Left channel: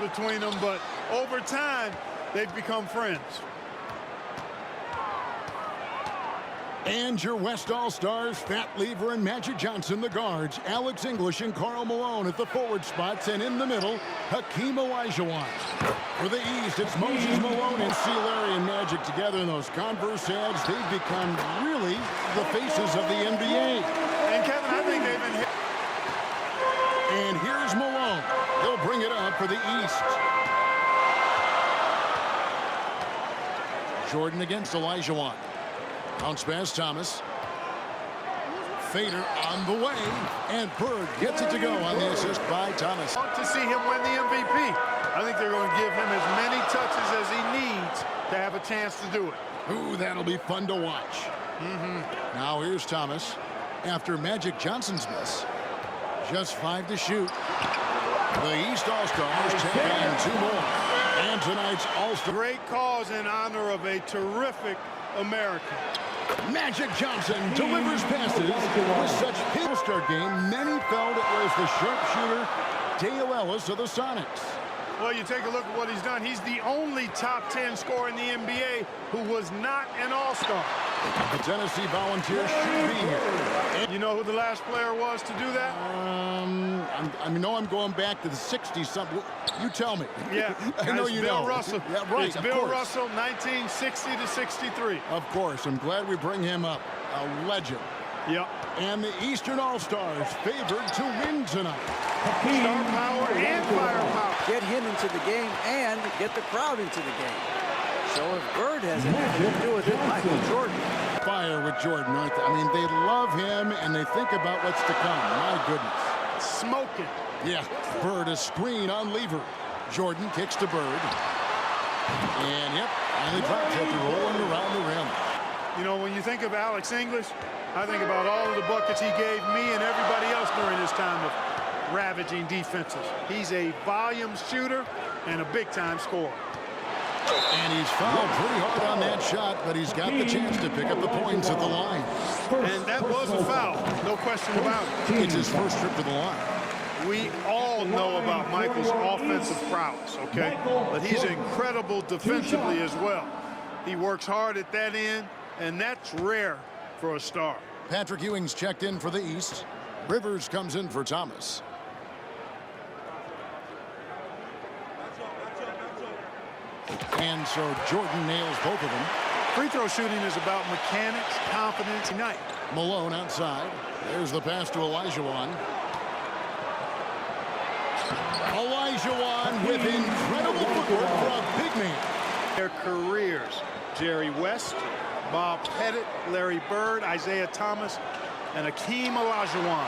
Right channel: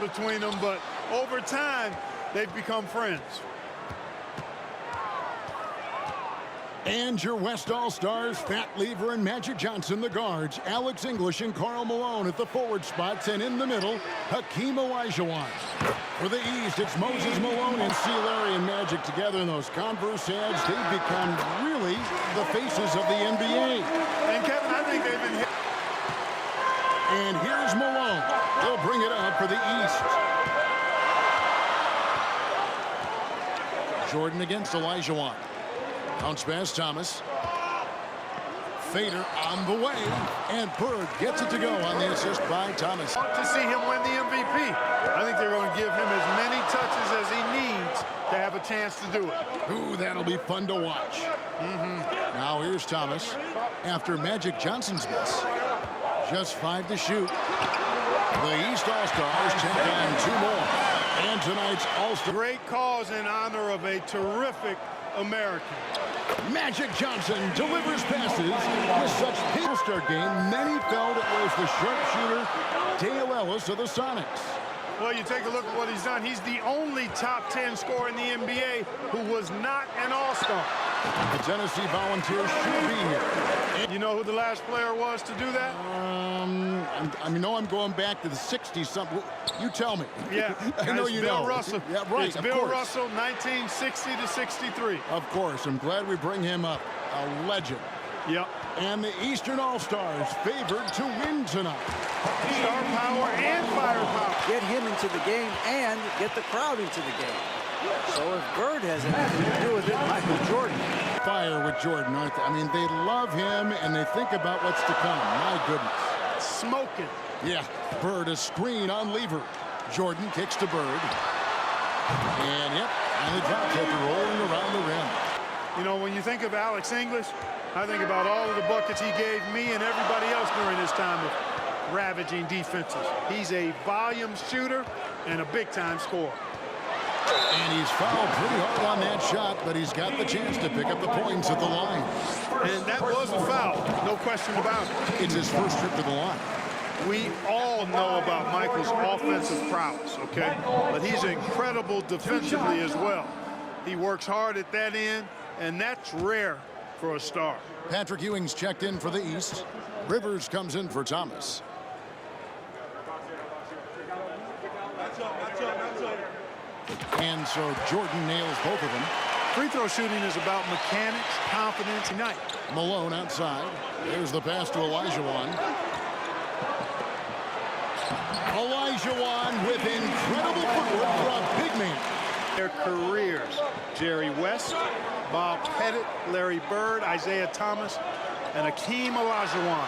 between them, but over time, they've become friends. And your West All-Stars, Fat Lever and Magic Johnson, the guards. Alex English and Karl Malone at the forward spots. And in the middle, Hakeem Olajuwon. For the East, it's Moses Malone and C. Larry and Magic together in those Converse ads. They've become really the faces of the NBA. And, Kevin, I think they've been hit. And here's Malone. He'll bring it up for the East. Jordan against Olajuwon. Bounce pass, Thomas. Fader on the way, and Bird gets it to go on the assist by Thomas. Want to see him win the MVP. I think they're going to give him as many touches as he needs to have a chance to do it. Ooh, that'll be fun to watch. Now here's Thomas after Magic Johnson's miss. Just 5 to shoot. The East All-Stars take on 2 more. And tonight's All-Star. Great cause in honor of a terrific American. Magic Johnson delivers passes with such All-Star game. Many felt it was the sharpshooter Dale Ellis of the Sonics. Well, you take a look at what he's done. He's the only top 10 scorer in the NBA who was not an All-Star. The Tennessee Volunteers should be here. You know who the last player was to do that? I'm going back to the 60-something. You tell me. Yeah, I know you Bill know. Russell. Yeah, right. It's Bill Russell, 1960 to 63. Of course. I'm glad we bring him up. A legend. Yep. And the Eastern All-Stars favored to win tonight. Star power and firepower. Get him into the game and get the crowd into the game. So if Bird has anything to do with it, Michael Jordan. Fire with Jordan, aren't they? I mean, they love him, and they think about what's to come. My goodness. Smoking. Yeah, Bird, a screen on Lever. Jordan kicks to Bird. And, yep, finally drops after rolling around the rim. You know, when you think of Alex English, I think about all of the buckets he gave me and everybody else during his time of ravaging defenses. He's a volume shooter and a big-time scorer. And he's fouled pretty hard on that shot, but he's got the chance to pick up the points at the line. And that was a foul, no question about it. It's his first trip to the line. We all know about Michael's offensive prowess, okay? But he's incredible defensively as well. He works hard at that end, and that's rare for a star. Patrick Ewing's checked in for the East. Rivers comes in for Thomas. And so Jordan nails both of them. Free throw shooting is about mechanics, confidence, tonight. Malone outside. There's the pass to Olajuwon. Olajuwon with incredible footwork for a big man. Their careers, Jerry West, Bob Pettit, Larry Bird, Isaiah Thomas, and Hakeem Olajuwon.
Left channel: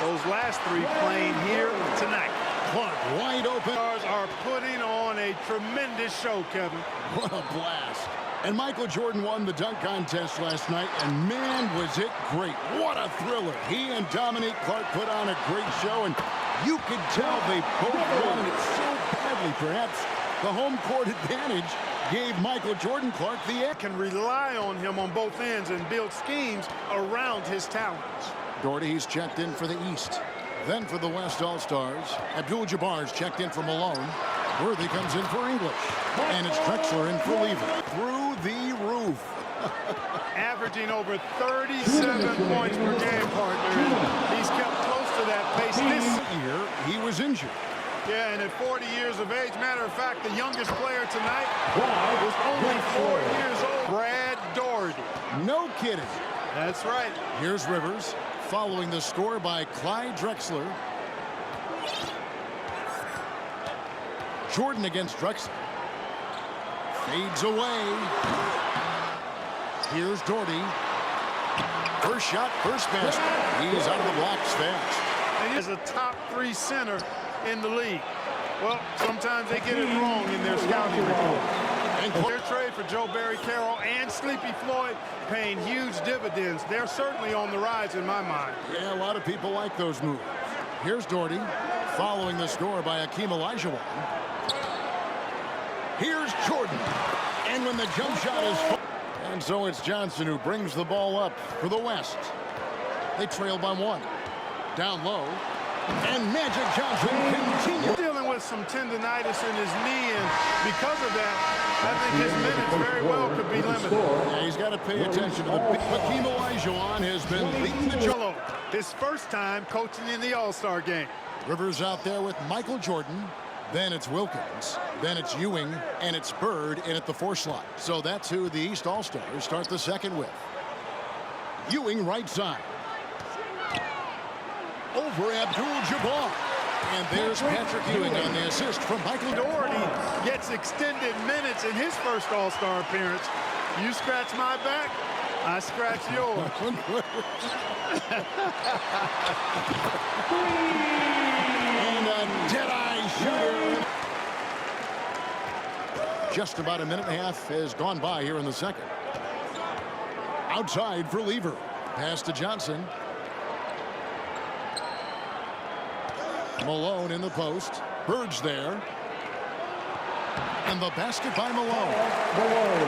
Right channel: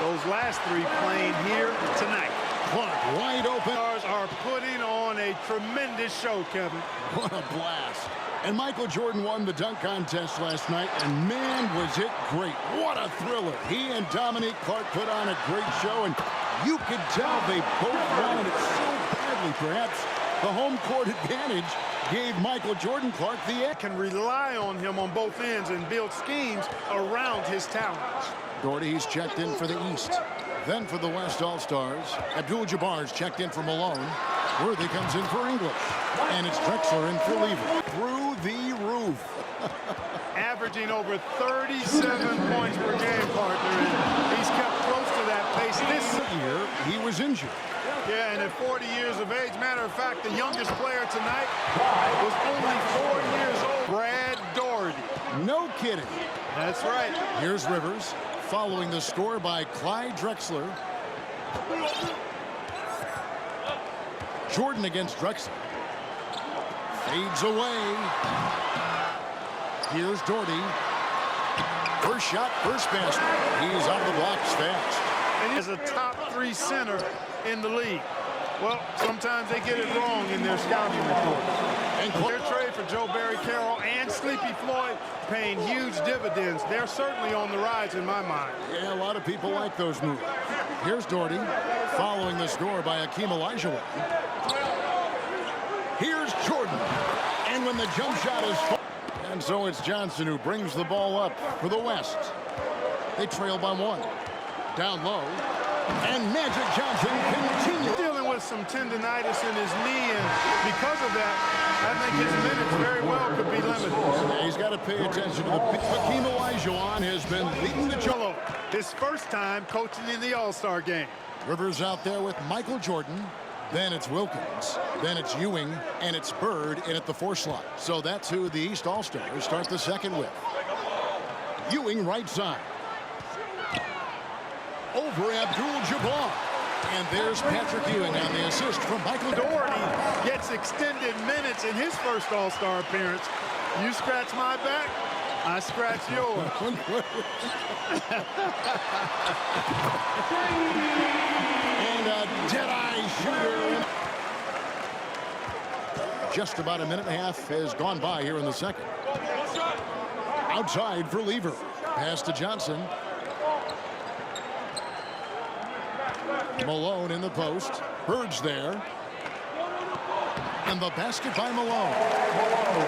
Those last 3 playing here tonight. Clark wide open. Stars are putting on a tremendous show, Kevin. What a blast. And Michael Jordan won the dunk contest last night, and man, was it great. What a thriller. He and Dominique Clark put on a great show, and you could tell they both wanted it so badly. Perhaps the home court advantage gave Michael Jordan Clark the edge. Can rely on him on both ends and build schemes around his talents. Doherty, he's checked in for the East. Then for the West All-Stars, Abdul-Jabbar's checked in for Malone. Worthy comes in for English. And it's Drexler in for Lever. Through the roof. Averaging over 37 points per game, partner. And he's kept close to that pace this year. He was injured. Yeah, and at 40 years of age, matter of fact, the youngest player tonight was only 4 years old. Brad Daugherty. No kidding. That's right. Here's Rivers, following the score by Clyde Drexler. Jordan against Drexler. Fades away. Here's Doherty. First shot, first basket. He's out of the blocks fast. And he's a top 3 center in the league. Well, sometimes they get it wrong in their scouting reports. And their trade for Joe Barry Carroll and Sleepy Floyd paying huge dividends. They're certainly on the rise in my mind. Yeah, a lot of people like those moves. Here's Doherty, following the score by Hakeem Olajuwon. Here's Jordan. And when the jump shot is... And so it's Johnson who brings the ball up for the West. They trail by 1. Down low. And Magic Johnson continues. Dealing dealing with some tendonitis in his knee, and because of that, I think his minutes very well could be limited. Yeah, he's got to pay attention to the Hakeem Olajuwon has been leading the Jello, his first time coaching in the All-Star game. Rivers out there with Michael Jordan. Then it's Wilkins. Then it's Ewing. And it's Bird in at the 4 slot. So that's who the East All-Stars start the second with. Ewing right side. Over Abdul-Jabbar. And there's Patrick Ewing on the assist from Michael Doherty gets extended minutes in his first All-Star appearance. You scratch my back, I scratch yours. And a dead-eye shooter. Just about a minute and a half has gone by here in the second. Outside for Lever. Pass to Johnson. Malone in the post. Bird's there. And the basket by Malone.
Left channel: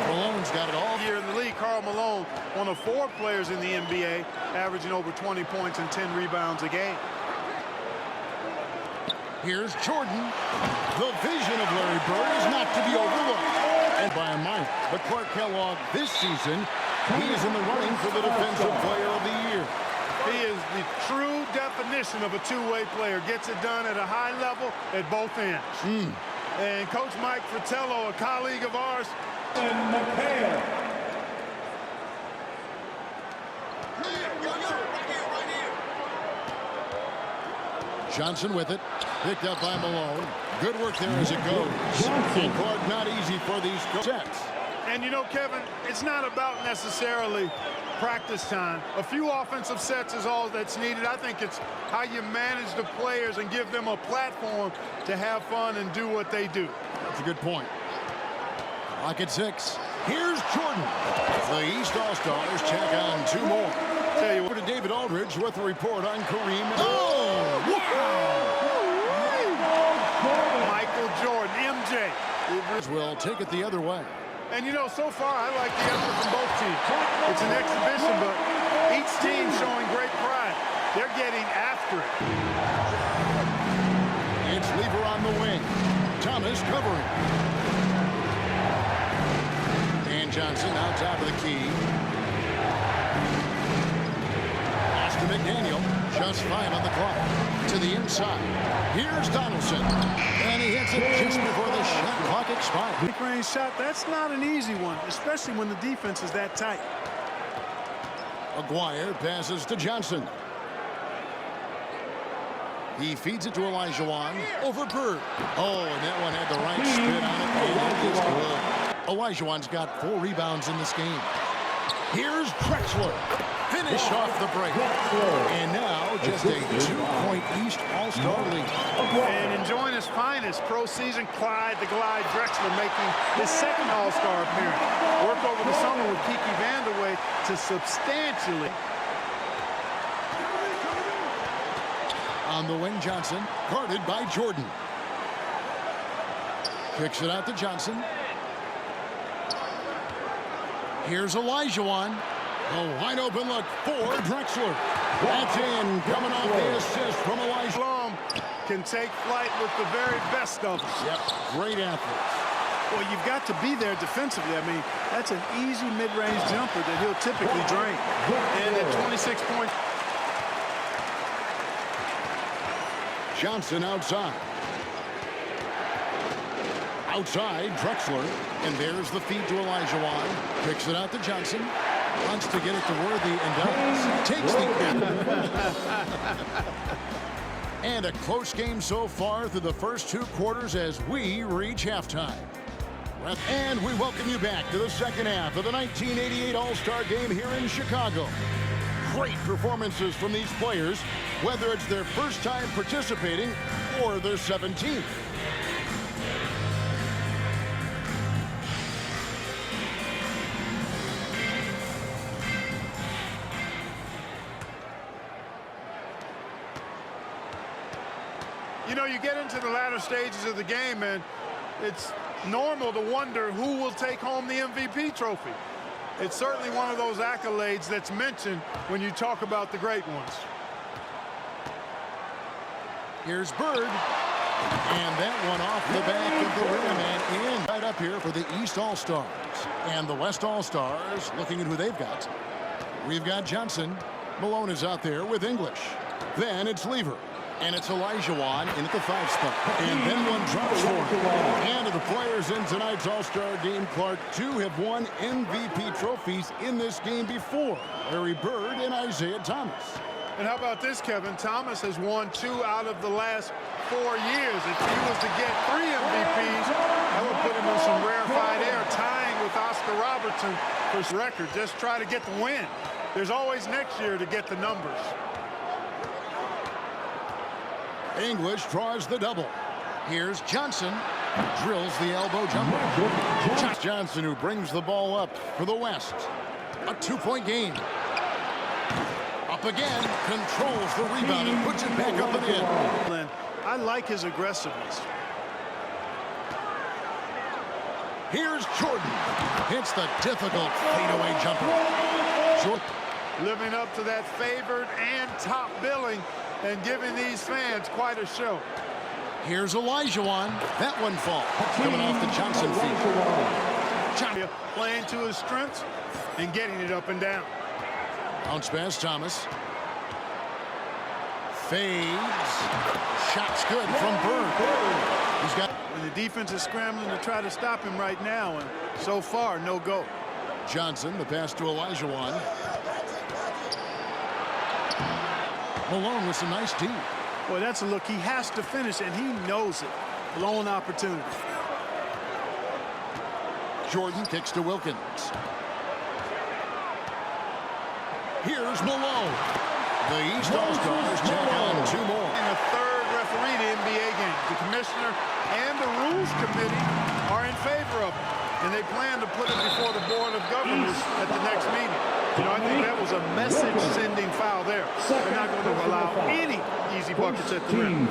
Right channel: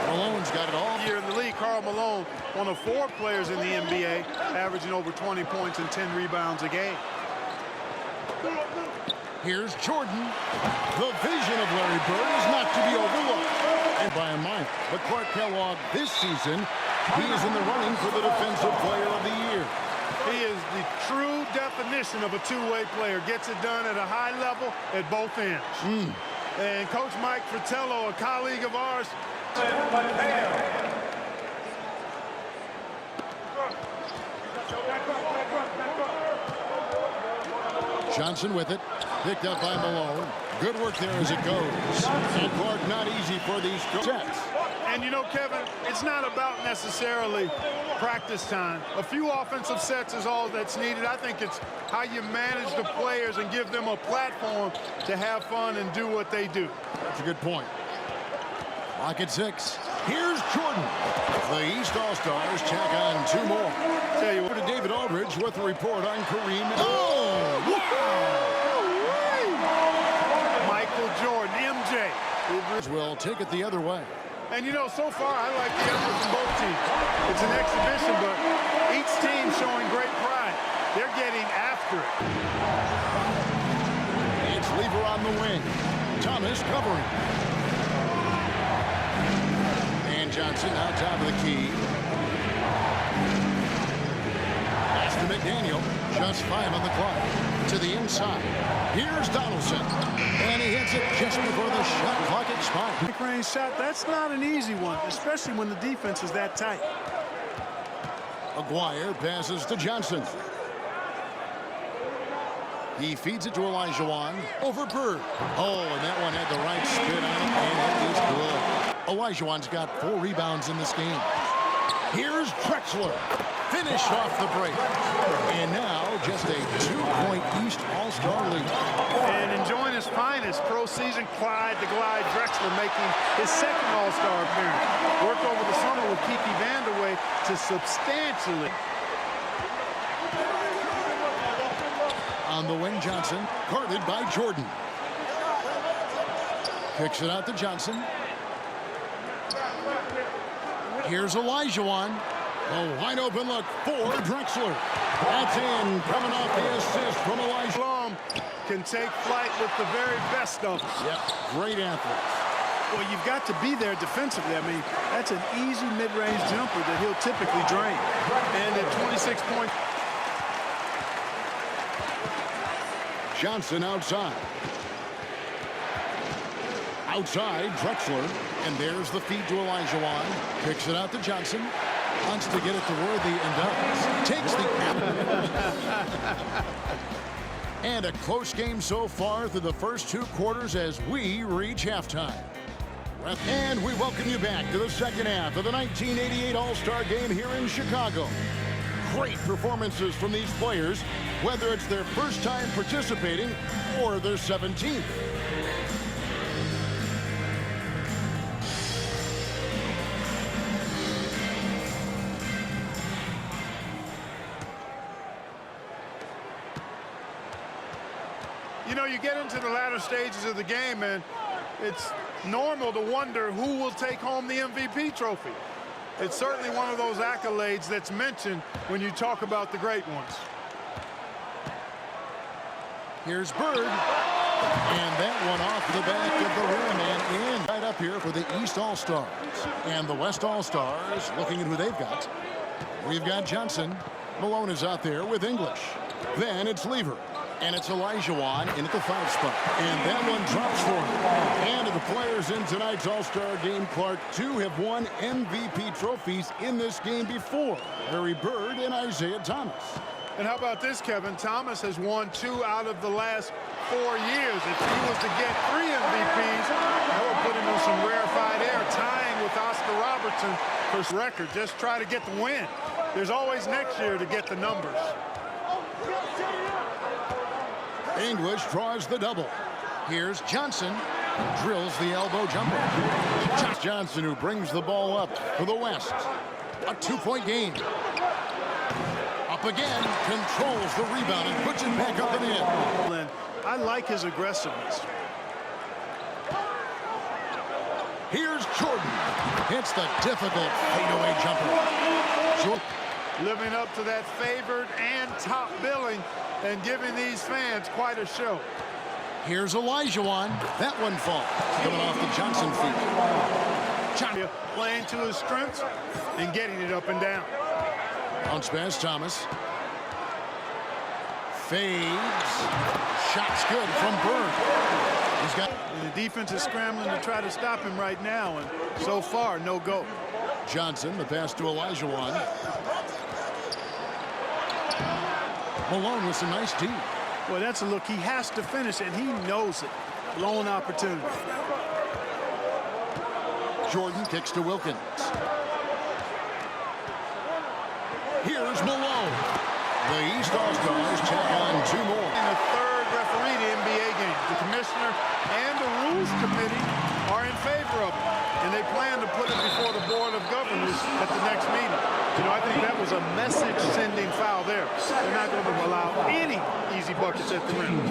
Malone's got it all. Here in the league, Karl Malone, one of 4 players in the NBA, averaging over 20 points and 10 rebounds a game. Here's Jordan. The vision of Larry Bird is not to be overlooked. And by a minor. But Clark Kellogg this season, he is in the running for the Defensive Player of the Year. He is the true definition of a two-way player. Gets it done at a high level at both ends. And Coach Mike Fratello, a colleague of ours. Johnson with it. Picked up by Malone. Good work there as it goes. And Clark, not easy for these sets. And you know, Kevin, it's not about necessarily practice time. A few offensive sets is all that's needed. I think it's how you manage the players and give them a platform to have fun and do what they do. That's a good point. Clock at 6. Here's Jordan. The East All-Stars tack on 2 more. Tell you Over what, to David Aldridge with a report on Kareem. Oh, wow! Michael Jordan, MJ. Will take it the other way. And you know, so far I like the effort from both teams. It's an exhibition, but each team showing great pride. They're getting after it. It's Lever on the wing. Thomas covering. And Johnson out top of the key. Pass to McDaniel. Just 5 on the clock. To the inside. Here's Donaldson. And he hits it just before the shot clock expires. Range shot, that's not an easy one, especially when the defense is that tight. Aguirre passes to Johnson. He feeds it to Olajuwon. Over Bird. Oh, and that one had the right spin on it, and it is good. Olajuwon's got 4 rebounds in this game. Here's Drexler. Finished off the break. And now just a 2-point East All-Star lead. And enjoying his finest pro season, Clyde the Glide Drexler making his second All-Star appearance. Worked over the summer with Kiki Vandeweghe to substantially. On the wing, Johnson, guarded by Jordan. Kicks it out to Johnson. Here's Olajuwon. A wide open look for Drexler. That's in, coming off the assist from Olajuwon. Blum can take flight with the very best of them. Yep, great athletes. Well, you've got to be there defensively. I mean, that's an easy mid-range jumper that he'll typically drain. And at 26 points. Johnson outside. Outside, Drexler. And there's the feed to Olajuwon. Kicks it out to Johnson. Wants to get it to Worthy and does. Takes the... And a close game so far through the first 2 quarters as we reach halftime. And we welcome you back to the second half of the 1988 All-Star Game here in Chicago. Great performances from these players, whether it's their first time participating or their 17th. You know, you get into the latter stages of the game, and it's normal to wonder who will take home the MVP trophy. It's certainly one of those accolades that's mentioned when you talk about the great ones. Here's Bird. And that one off the back of the rim and in. Right up here for the East All-Stars. And the West All-Stars, looking at who they've got. We've got Johnson. Malone is out there with English. Then it's Lever. And it's Olajuwon in at the 5 spot. And that one drops for him. And of the players in tonight's All-Star game, Clark, 2 have won MVP trophies in this game before. Larry Bird and Isaiah Thomas. And how about this, Kevin? Thomas has won 2 out of the last 4 years. If he was to get 3 MVPs, that would put him in some rarefied air, tying with Oscar Robertson for record. Just try to get the win. There's always next year to get the numbers. English draws the double. Here's Johnson. Drills the elbow jumper. Johnson, who brings the ball up for the West. A 2-point game. Up again. Controls the rebound and puts it back up and in. I like his aggressiveness. Here's Jordan. Hits the difficult fadeaway jumper. Living up to that favored and top billing and giving these fans quite a show. Here's Olajuwon. That one falls. Coming off the Johnson feet. Johnson playing to his strengths and getting it up and down. Bounce pass, Thomas. Fades. Shot's good from Bird. He's got. And the defense is scrambling to try to stop him right now, and so far, no go. Johnson, the pass to Olajuwon. Malone with some nice D. Boy, that's a look. He has to finish, and he knows it. Blown opportunity. Jordan kicks to Wilkins. Here's Malone. The East All-Stars check on 2 more. In the 3rd referee to NBA game. The commissioner and the rules committee are in favor of it. And they plan to put it before the Board of Governors at the next meeting. You know, I think that was a message-sending foul there. They're not going to allow any easy buckets at the rim.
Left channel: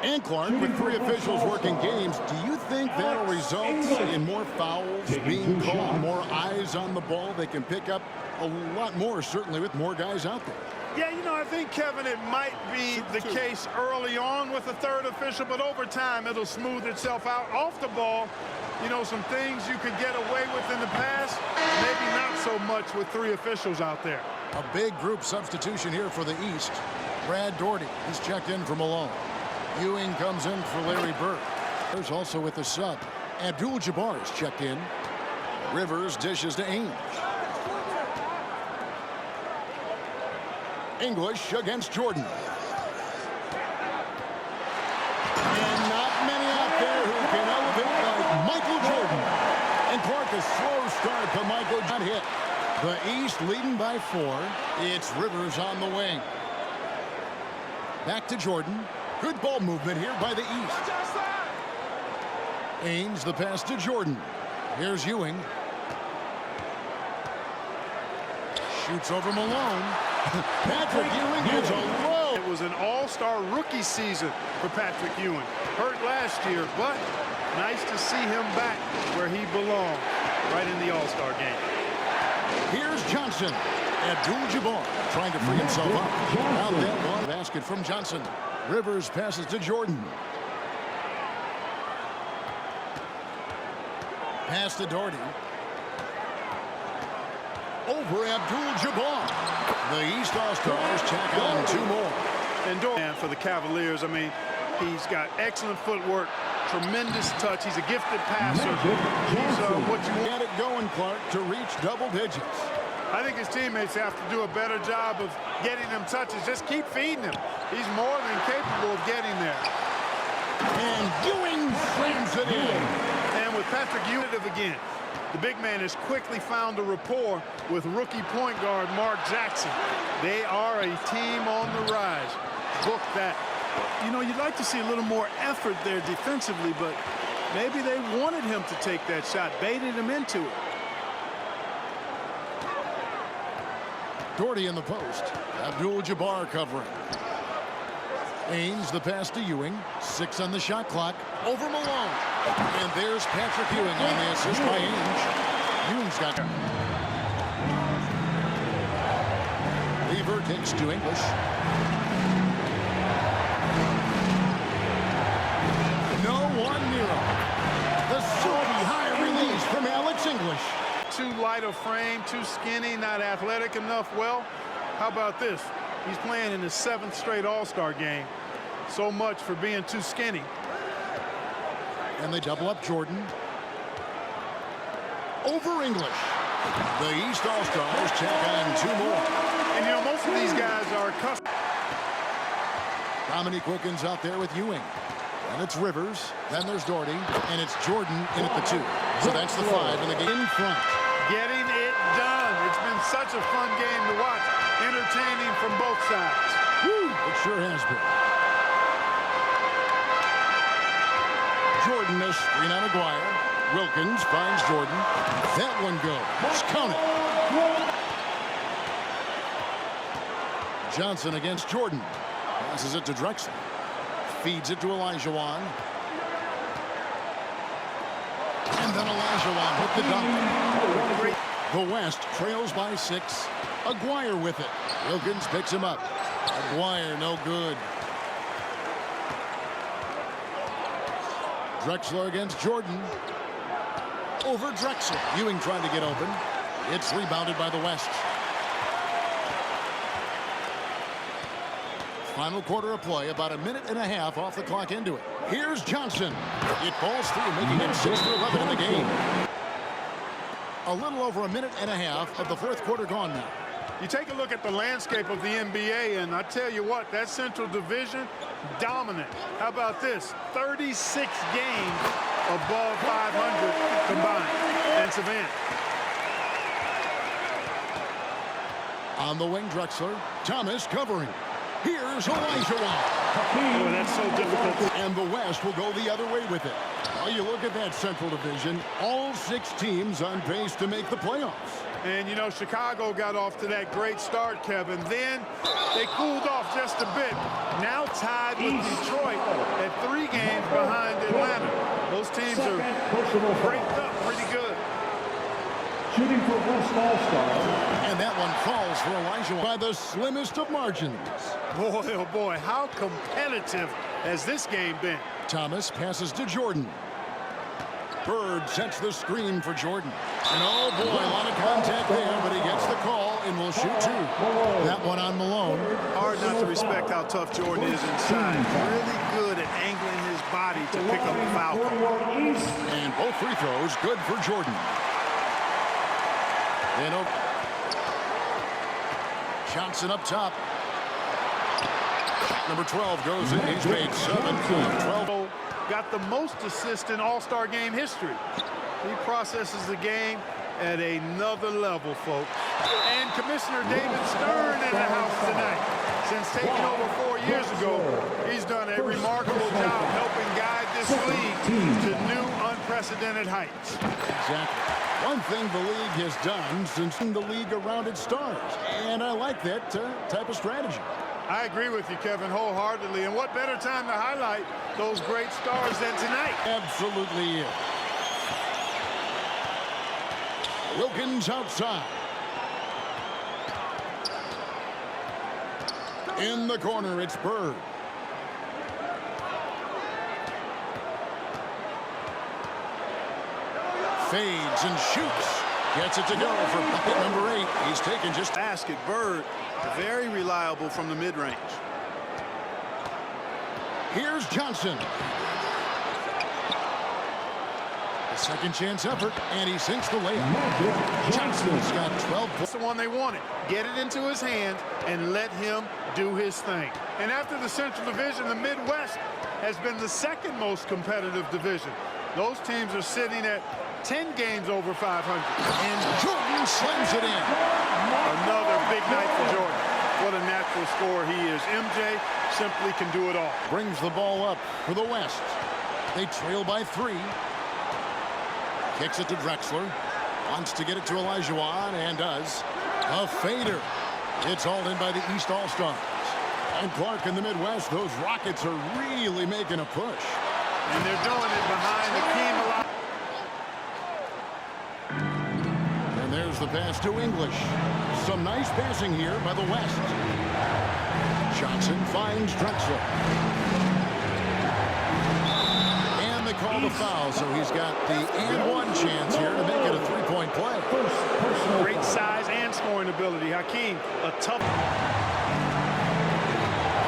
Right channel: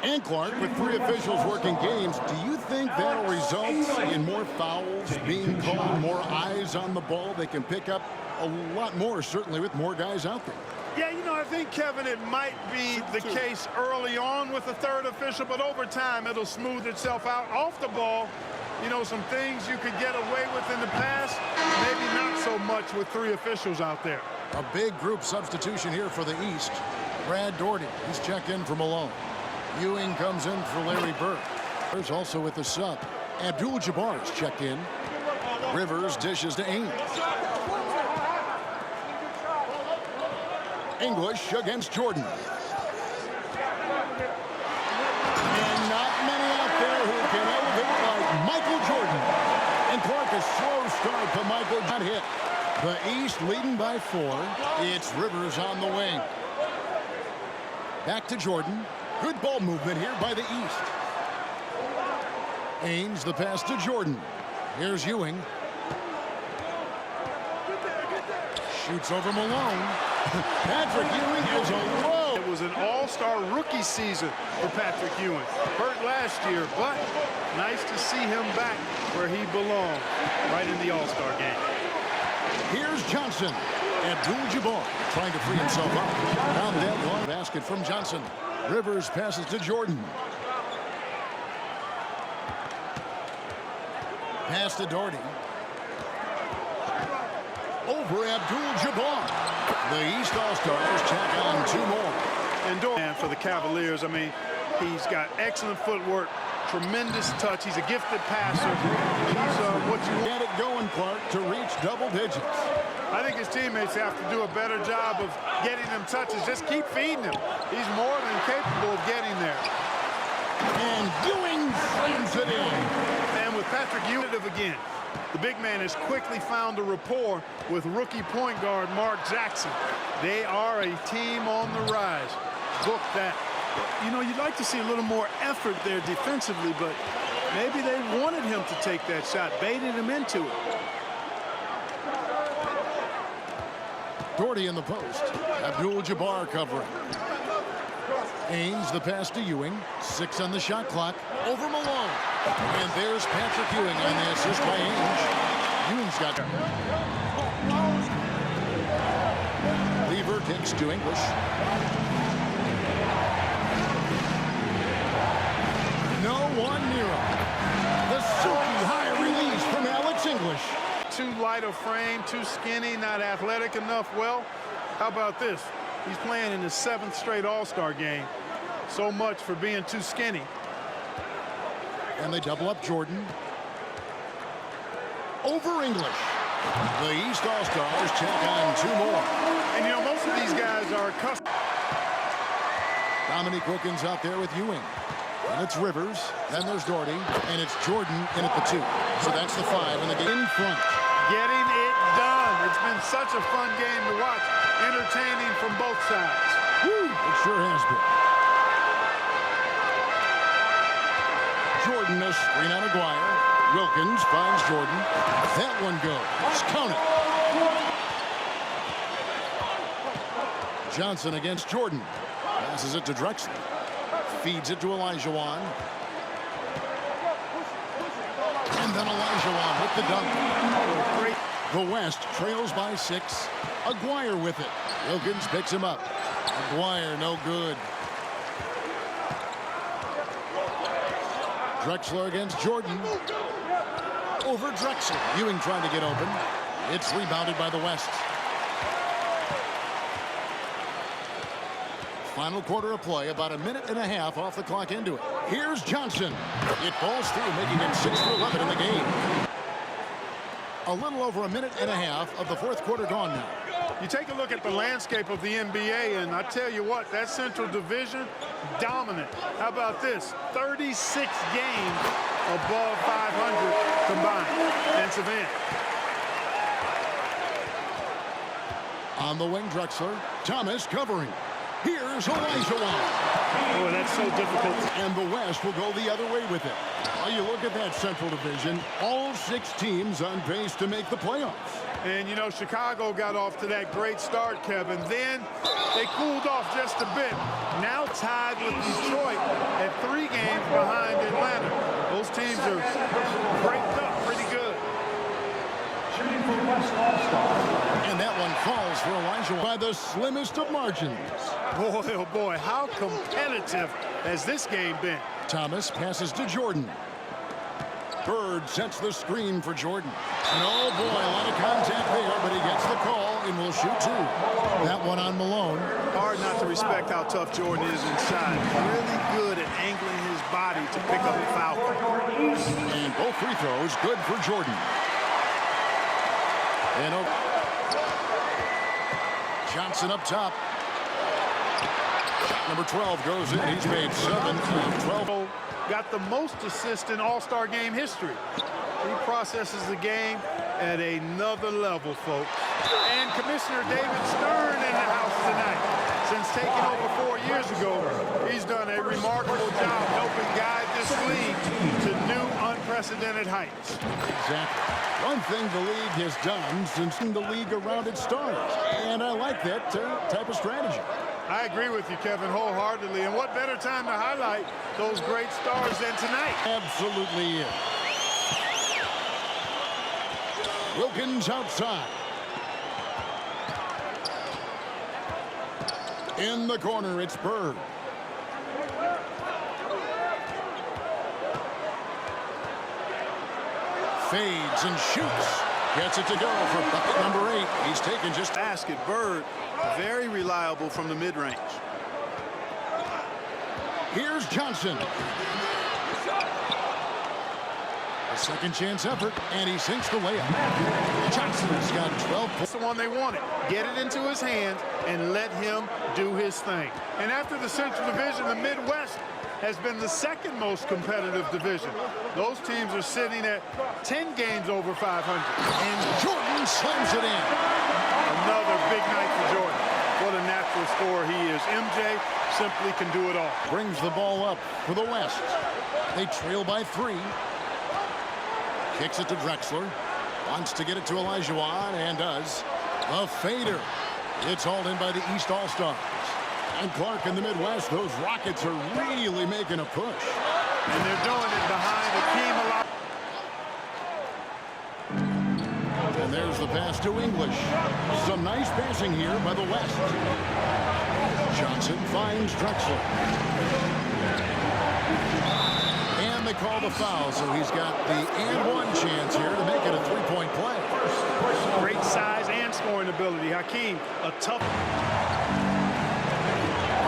And Clark, with 3 officials working games, do you think that'll result in more fouls being called, more eyes on the ball? They can pick up a lot more, certainly with more guys out there. Yeah, you know, I think, Kevin, it might be the case early on with the 3rd official, but over time it'll smooth itself out. Off the ball, you know, some things you could get away with in the past, maybe not so much with 3 officials out there. A big group substitution here for the East. Brad Daugherty, he's checked in for Malone. Ewing comes in for Larry Bird. There's also with the sub. Abdul-Jabbar is checked in. Rivers dishes to Ainge. English against Jordan. And not many out there who can elevate like Michael Jordan. And Clark, a slow start, but Michael got hit. The East leading by 4. It's Rivers on the wing. Back to Jordan. Good ball movement here by the East. Ainge, the pass to Jordan. Here's Ewing. Shoots over Malone. Patrick Ewing gives a low. It was an all-star rookie season for Patrick Ewing. Hurt last year, but nice to see him back where he belongs, right in the all-star game. Here's Johnson. Abdul-Jabbar trying to free himself up. Found that one. Basket from Johnson. Rivers passes to Jordan. Pass to Daugherty. Over Abdul-Jabbar. The East All-Stars check on 2 more. And Daugherty for the Cavaliers, I mean, he's got excellent footwork, tremendous touch. He's a gifted passer. He's what you want. Get it going, Clark, to reach double digits. I think his teammates have to do a better job of getting them touches. Just keep feeding him. He's more than capable of getting there. And Ewing slams it in. And with Patrick Ewing again, the big man has quickly found a rapport with rookie point guard Mark Jackson. They are a team on the rise. Book that. You know, you'd like to see a little more effort there defensively, but maybe they wanted him to take that shot, baited him into it. Daugherty in the post. Abdul-Jabbar covering. Ainge, the pass to Ewing. 6 on the shot clock. Over Malone. And there's Patrick Ewing on the assist by Ainge. Ewing's got Weaver kicks to English. No one near him. The silky high release from Alex English. Too light of frame, too skinny, not athletic enough. Well, how about this? He's playing in his 7th straight All-Star game. So much for being too skinny. And they double up Jordan. Over English. The East All-Stars tack on 2 more. And, you know, most of these guys are accustomed. Dominique Wilkins out there with Ewing. And it's Rivers. Then there's Doherty. And it's Jordan in at the 2. So that's the 5 in the game in front. Getting it done. It's been such a fun game to watch. Entertaining from both sides. Woo, it sure has been. Jordan a screen on Aguirre. Wilkins finds Jordan. That one goes. Count it. Johnson against Jordan. Passes it to Drexler. Feeds it to Olajuwon. And then Olajuwon with the dunk. The West trails by 6. Aguirre with it. Wilkins picks him up. Aguirre no good. Drexler against Jordan. Over Drexler. Ewing trying to get open. It's rebounded by the West. Final quarter of play, about a minute and a half off the clock into it. Here's Johnson. It falls through, making him 6 for 11 in the game. A little over a minute and a half of the 4th quarter gone now. You take a look at the landscape of the NBA, and I tell you what, that Central Division, dominant. How about this? 36 games above 500 combined. Defensive end. On the wing, Drexler. Thomas covering. Here's Olajuwon. Boy, that's so difficult. And the West will go the other way with it. Well, you look at that Central Division, all 6 teams on pace to make the playoffs. And, you know, Chicago got off to that great start, Kevin. Then they cooled off just a bit. Now tied with Detroit at 3 games behind Atlanta. Those teams are breaked up pretty good. Shooting for West All-Star. And that one falls for Olajuwon by the slimmest of margins. Boy, oh boy, how competitive has this game been? Thomas passes to Jordan. Bird sets the screen for Jordan. And oh boy, a lot of contact there, but he gets the call and will shoot 2. That one on Malone. Hard not to respect how tough Jordan is inside. Really good at angling his body to pick up the foul call. And both free throws good for Jordan. And Johnson up top. Shot number 12 goes in. He's made 7 of 12. Got the most assists in All-Star game history. He processes the game at another level, folks. And Commissioner David Stern in the house tonight. Since taking over 4 years ago, he's done a remarkable job helping guide this league to new unprecedented heights. Exactly. One thing the league has done since the league around its stars. And I like that type of strategy. I agree with you, Kevin, wholeheartedly. And what better time to highlight those great stars than tonight? Absolutely is. Wilkins outside. In the corner, it's Bird. Fades and shoots. Gets it to go for bucket number 8. He's taken just basket. Bird, very reliable from the mid-range. Here's Johnson. A second chance effort, and he sinks the layup. Johnson's got 12 points. That's the one they wanted. Get it into his hands and let him do his thing. And after the Central Division, the Midwest has been the second most competitive division. Those teams are sitting at 10 games over 500. And Jordan slams it in. Another big night for Jordan. What a natural scorer he is. MJ simply can do it all. Brings the ball up for the West. They trail by 3. Kicks it to Drexler. Wants to get it to Olajuwon, and does. A fader. It's hauled in by the East All-Stars. And Clark in the Midwest, those Rockets are really making a push. And they're doing it behind Hakeem Olajuwon. And there's the pass to English. Some nice passing here by the West. Johnson finds Drexler. And they call the foul, so he's got the and one chance here to make it a three-point play. Great size and scoring ability. Hakeem, a tough.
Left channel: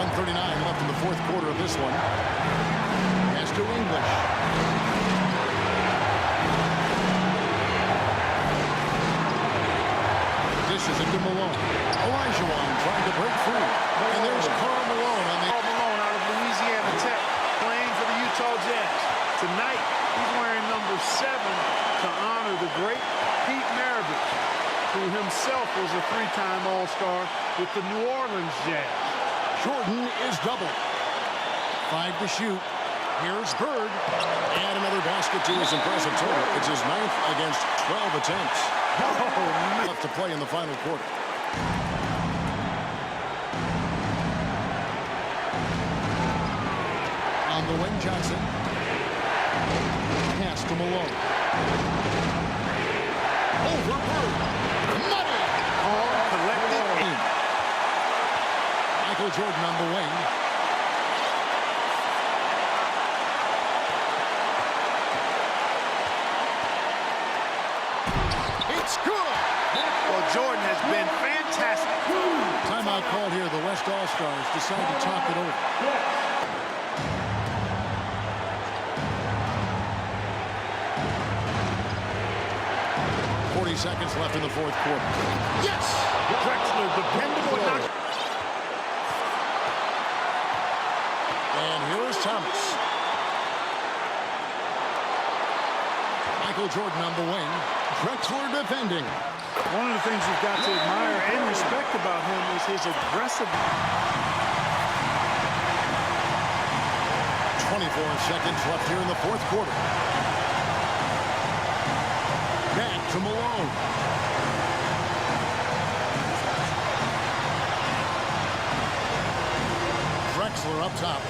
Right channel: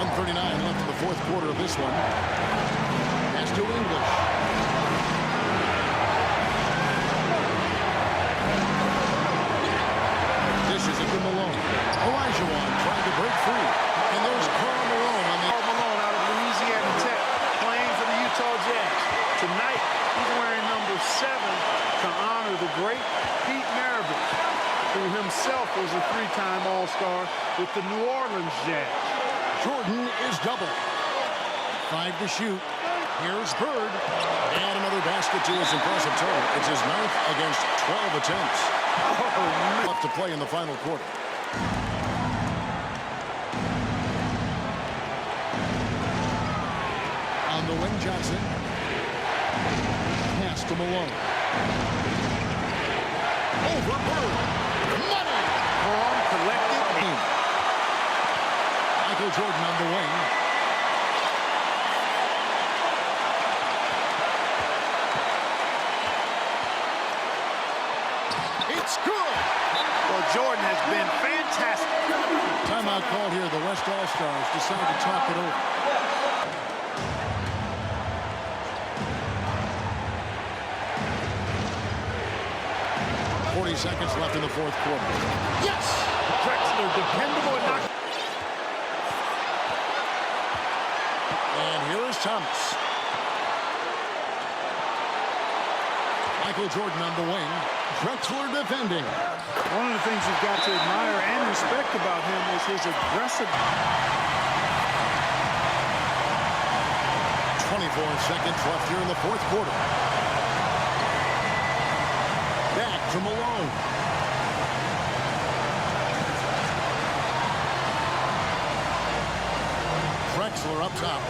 1:39 left in the fourth quarter of this one. Pass to English. Dishes it to Malone. Olajuwon trying to break free. And there's Karl Malone on the... Karl Malone out of Louisiana Tech, playing for the Utah Jazz. Tonight, he's wearing number 7 to honor the great Pete Maravich, who himself was a 3-time All-Star with the New Orleans Jazz. Jordan is double. 5 to shoot. Here's Bird. And another basket to his impressive total. It's his 9th against 12 attempts. Oh, man. Left to play in the final quarter. On the wing, Johnson. Pass to Malone. Over Bird. Money! Calm, collected. In. Michael Jordan on the wing. It's good! Well, Jordan has been fantastic. Timeout called here. The West All-Stars decide to talk it over. 40 seconds left in the fourth quarter. Yes! Drexler, dependable and not. And here is Thomas. Michael Jordan on the wing. Drexler defending. One of the things you've got to admire and respect about him is his aggressive. 24 seconds left here in the fourth quarter. Back to Malone. Drexler up top.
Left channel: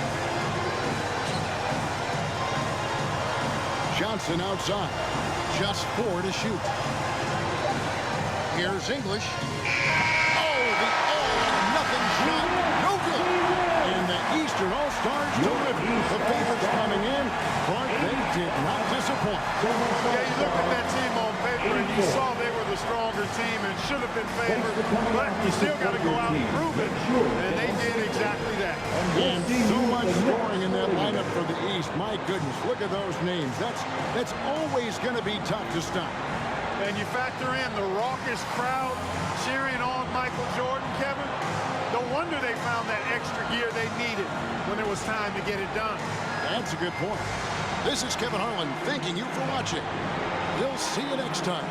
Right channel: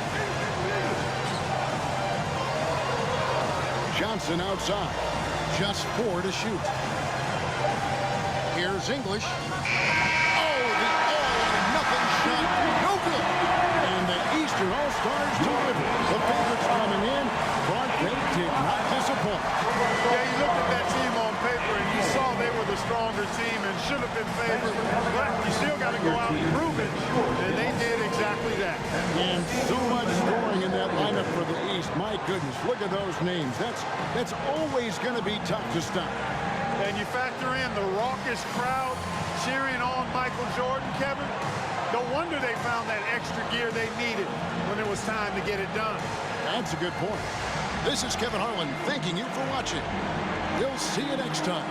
Johnson outside. Just 4 to shoot. Here's English. Oh, the all-or-nothing shot. No good. And the Eastern All-Stars deliver. The favorites coming in, but they did not disappoint. Yeah, you looked at that team on paper and you saw they were the stronger team and should have been favored, but you still got to go out and prove it, and they did exactly that. And so much scoring in that lineup for the East. My goodness, look at those names. That's always going to be tough to stop. And you factor in the raucous crowd cheering on Michael Jordan, Kevin. No wonder they found that extra gear they needed when it was time to get it done. That's a good point. This is Kevin Harlan thanking you for watching. We'll see you next time.